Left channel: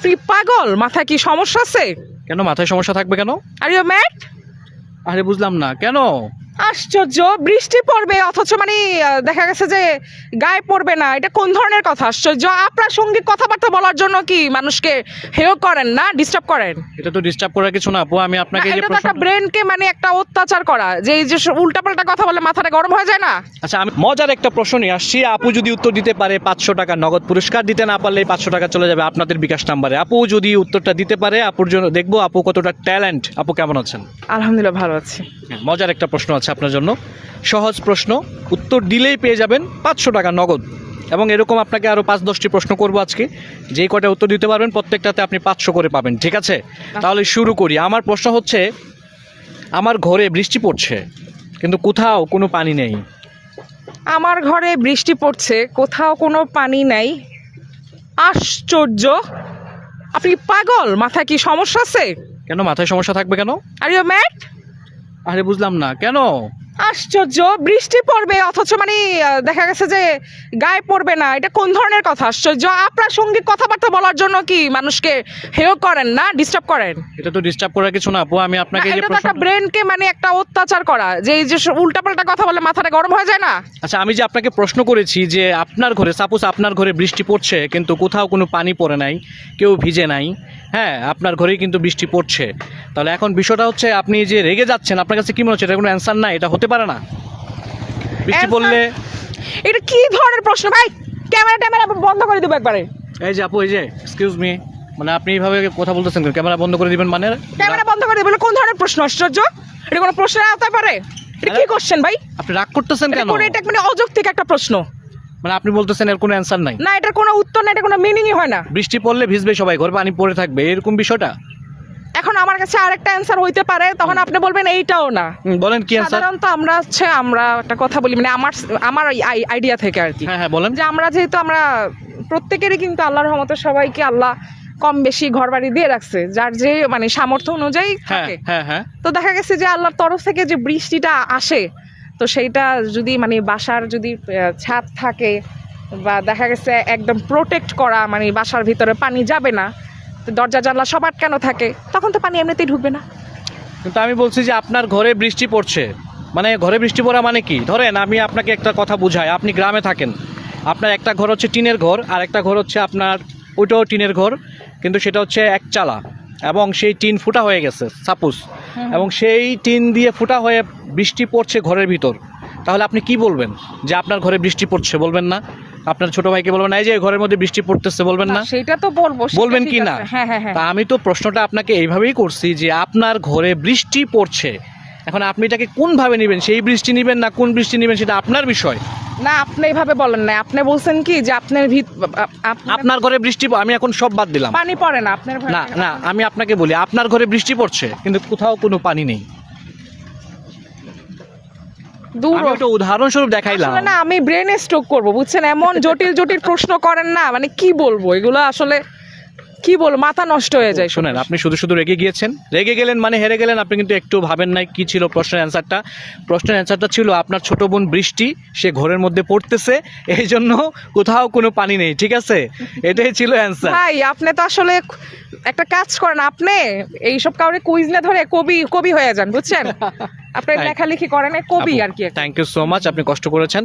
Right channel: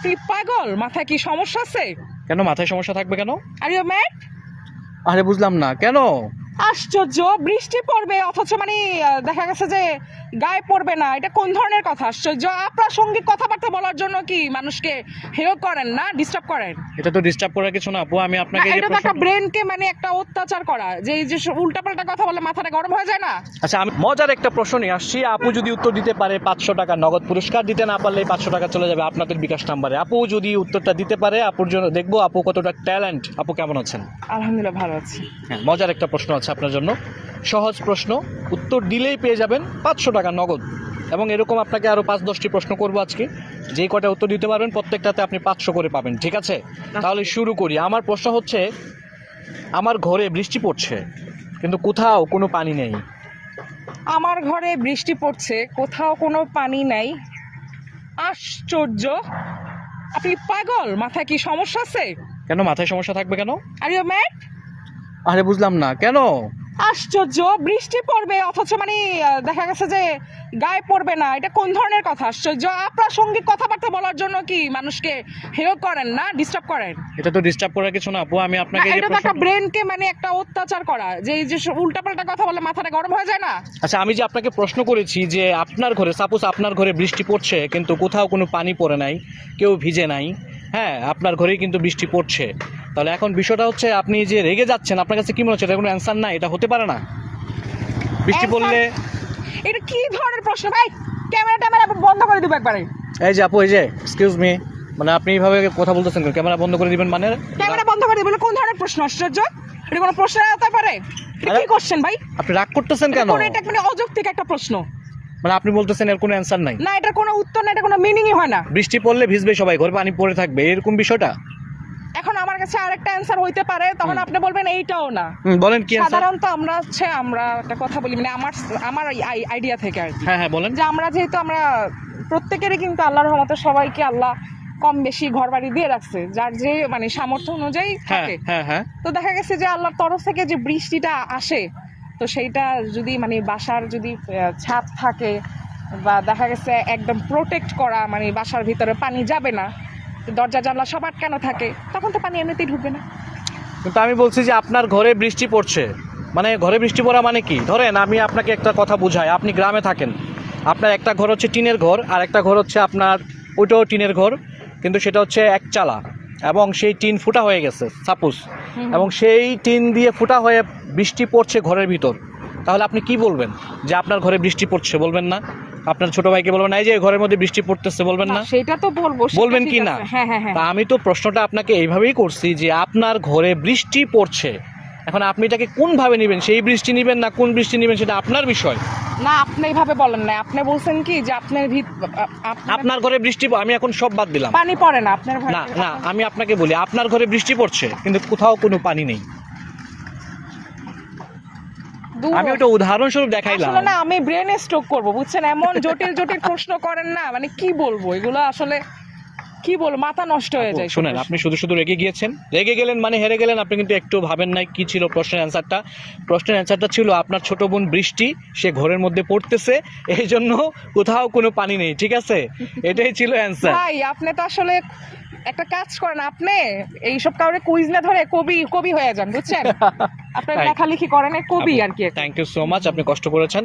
আপনি পাগল মাথায় কি সমস্যা আছে? কেন মাথায় সমস্যা থাকবে কেন? আর ইউ ম্যাড আরে বুঝলাম না কেন? আশ্চর্য। বৃষ্টি পড়বে অথচ মানে দেখা গেছে যে গায়ে পড়বে না। এটা কোন ধরনের কথা? আশ্চর্য। আপনার সংগীত কথাবার্তা বলার জন্য কি মানুষকে হেয় করেন না ডিস্টার্ব করেন? এটা তো ডিস্টার্ব করার কিছু না আপু। আমি আপনাকে এটা তো একটা ব্রেনকে মানে একটা অত্যাচার করা যে এই যে উল্টাপাল্টা কথা বলে মাথাটা গরম হয়ে যায় না? আচ্ছা আমি মজার একটা প্রশ্ন নিয়ে আসছি। আপু যদি উত্তর দিতে পারে পাঁচশো টাকা নগদ পুরস্কার দিতে না পারলে পাঁচশো টাকা চলে যাবে আপনাদের বিকাশ নাম্বারে। আপু যদি উত্তরটা দিতে পারে আপুর জন্য দেখব আপু কতটা ট্যালেন্ট। আপু কেমন আছেন? আলহামদুলিল্লাহ ভালো আছি। হ্যাঁ মজার একটা প্রশ্ন আছে আপনার জন্য। সহজ প্রশ্ন উত্তর দিলেই পেয়ে যাবেন পাঁচশো টাকা নগদ। এবং এরকম আপনাকে আরও পাঁচ দশটি প্রশ্ন করব আজকে। যেই কটা উত্তর দিতে পারবেন প্রত্যেকটাতে আপনি পাঁচশো করে পাবেন ঠিক আছে? তাহলে শুরু করি। আমার প্রশ্ন হচ্ছে আমার ঘরে বৃষ্টি পড়ছে কিন্তু কোথাও কোনো পানি নেই। আমার ঘরে বৃষ্টি পড়ছে কোথাও কোনো পানি নাই। আশ্চর্য! আপনি পাগল? মাথায় কি সমস্যা আছে? কেন মাথায় সমস্যা থাকবে কেন? আর ইউ ম্যাড আরে বুঝলাম না কেন? আশ্চর্য বৃষ্টি পড়বে অথচ মানে দেখা গেছে যে গায়ে পড়বে না। এটা কোন ধরনের কথা? আশ্চর্য আপনার সংগীত কথাবার্তা বলার জন্য কি মানুষকে হেয় করেন না ডিস্টার্ব করেন? এটা তো ডিস্টার্ব করার কিছু না আপু আমি আপনাকে এটা তো একটা ব্রেনকে মানে একটা অত্যাচার করা যে এই যে উল্টাপাল্টা কথা বলে মাথাটা গরম হয়ে যায় না? আচ্ছা আমি যে আপনাকে প্রশ্ন করেছি যে আপনার ঘরে সাপোজ আপনার ঘরে বৃষ্টি পড়ছে কিন্তু কোথাও কোনো পানি পড়ে নাই কেউ ভিজে নাই হ্যাঁ আপনার ঘরেই কিন্তু বৃষ্টি পড়ছে। তাহলে এখন বিষয়টা হচ্ছে আপনি যে রেগে যাচ্ছেন আপনার কাছে কি মনে হচ্ছে? এটা কোনো অ্যান্সার নাই? এটা হতে পারে না? বৃষ্টি পড়লে এটা কি ধরনের প্রশ্ন? ভাই ক্যামেরা ট্যামেরা বন্ধ করে দেবো একবারে। এই যে আপু এই যে এক্সকিউজ মি মানে আপনি এইভাবে কথা বলতেছেন কেন? ক্যামেরা বন্ধ করে দিবেন মানে? ক্যামেরা বন্ধ করে দিবেন কোন ধরনের প্রশ্ন? আশ্চর্য? এটা কোনো প্রশ্ন হতে পারে এটা কি কোশ্চেন ভাই? আপনি রাগ করতেছেন কেন এটা মানে অযৌক্তিক একটা প্রশ্ন। মানে আপনি বলতেছেন এর কোনো অ্যান্সার নাই। না এটার কোনো উত্তর না এটা কোনো মিনিংই হয় না। বৃষ্টি পড়লে ভিজবে সবাই ঘরে পানি পড়ে থাকবে এরকম বিষয়টা? এখন আমার কাছে আরেকটা অ্যান্সার হইতে পারে তখন আপনি বলবেন এইটাও না। বলেন কি সাধারণত আমরা হচ্ছে আমরা একটা কথা বলি মানে আমার আমার আইডিয়া থেকে আর কি। হ্যাঁ হ্যাঁ বলেন। যে আমরা যেহেতু আমরা প্রত্যেকেরই কিন্তু আল্লাহর রহমতে সবাইকে আল্লাহ কম বেশি ঘর বাড়ি দিয়ে রাখছে যার যে মানে সামর্থ্য অনুযায়ী হ্যাঁ থাকে। হ্যাঁ হ্যাঁ। তো দেখা গেছে যে আল্লাহর তরফ থেকে যে বৃষ্টিটা আসে তো সেইটা যদি মানে বাসার যদি ছাদ থাকে বা দেখা গেছে একদম প্রোটেক্ট করা মানে বাসার ভিতরে পানি যাবে না, তো দরজা জানলা সব আটকানো থাকে, তখন তো পানি এমনিতেই ঢুকবে না। কিন্তু আমি বলছি যে আপনার ঘরে বৃষ্টি পড়ছে মানে ঘরে বৃষ্টি পড়া মানে কি? ধরেন আমি আপনাকে একটা কথা বুঝাই, আপনি গ্রামে থাকেন, আপনার একটা ঘর হচ্ছে টিনের ঘর, আর একটা ঘর হচ্ছে আপনার, ওইটাও টিনের ঘর, কিন্তু সেটা হচ্ছে একচালা এবং সেই টিন ফুটা হয়ে গেছে সাপোজ। এবং সেই টিন দিয়ে ফুটা হয়ে বৃষ্টি পড়ছে ঘরের ভিতর। তাহলে আপনি কি বলবেন? যে আপনার ঘরে বৃষ্টি পড়ছে বলবেন না। আপনার ছোট ভাইকে বলবেন এই যে ঘরের মধ্যে বৃষ্টি পড়তেছে বলবেন না সেটা তো বলব বলবেন কি না? হ্যাঁ হ্যাঁ হ্যাঁ। তা আমি তো প্রশ্নটা আপনাকে এইভাবেই করছি যে আপনার ঘরে বৃষ্টি পড়ছে। এখন আপনি এটাকে কোনভাবে নেবেন? সেই বৃষ্টি নেবেন না কোন বৃষ্টি নেবেন সেটা আপনার বিষয়। না আপনি এইভাবে বলেন না আপনি বলছেন কি যে আপনার ভিত আপনার ঘরে বৃষ্টি আমি এখন সব বাদ দিলাম। পানি পড়ে না আপনার না না আমি আপনাকে বলি আপনার ঘরে বৃষ্টি পড়ছে কিন্তু কোথাও কোনো পানি নেই। আমি ওটা উদাহরণস্বরূপ দেখাইলাম। না আমি ব্রেন স্ট্রোক করব বুঝছেন? এমন জটিল জটিল প্রশ্ন করেন না মানে কি বলব? এগুলো আসলে কি বলব মাথা নষ্ট হয়ে যায় শুনেন আপনি শুধু শুধু রেগে গিয়েছেন? রেগে গেলেন মানে হেরে গেলেন আপনি কিন্তু একটু ভাবেন নাই কি ছিল প্রশ্নের অ্যান্সারটা। প্রশ্নের অ্যান্সারটা ছিল আপনার ছোট বোন বৃষ্টি সে ঘরের মধ্যে পড়তেছে এই জন্য কোথাও কোনো পানি নেই ঠিক আছে? এটাই ছিল অ্যান্সার। ভাই আপনি তো আসলে একটা কাজ করেন আপনি এইসব কাউরে কুইজ না ধরে কবি কবি হয়ে যান বুঝছেন? আপনি লেখালেখি করেন কবি আর কি থ্যাংক ইউ সো মাচ আপনি কষ্ট করেছেন।